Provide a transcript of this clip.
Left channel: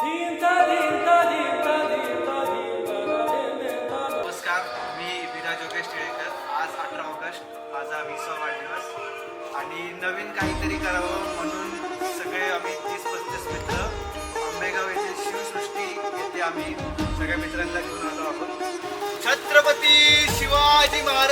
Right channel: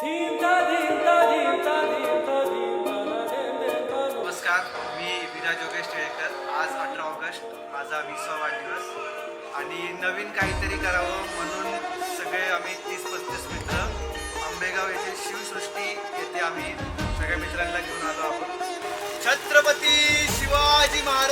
नमस्कार, मी विराज योगेश टिळेकर. आज 18 ऑगस्ट माझा 20वा वाढदिवस आणि नवीन काहीतरी करावं म्हणून सगळे आम्ही 30-35 मित्र आंबेगाव येथील शिवसृष्टी येथे आम्ही सगळ्या मित्रांना घेऊन आलो आहोत. छत्रपती शिवाजी महाराज.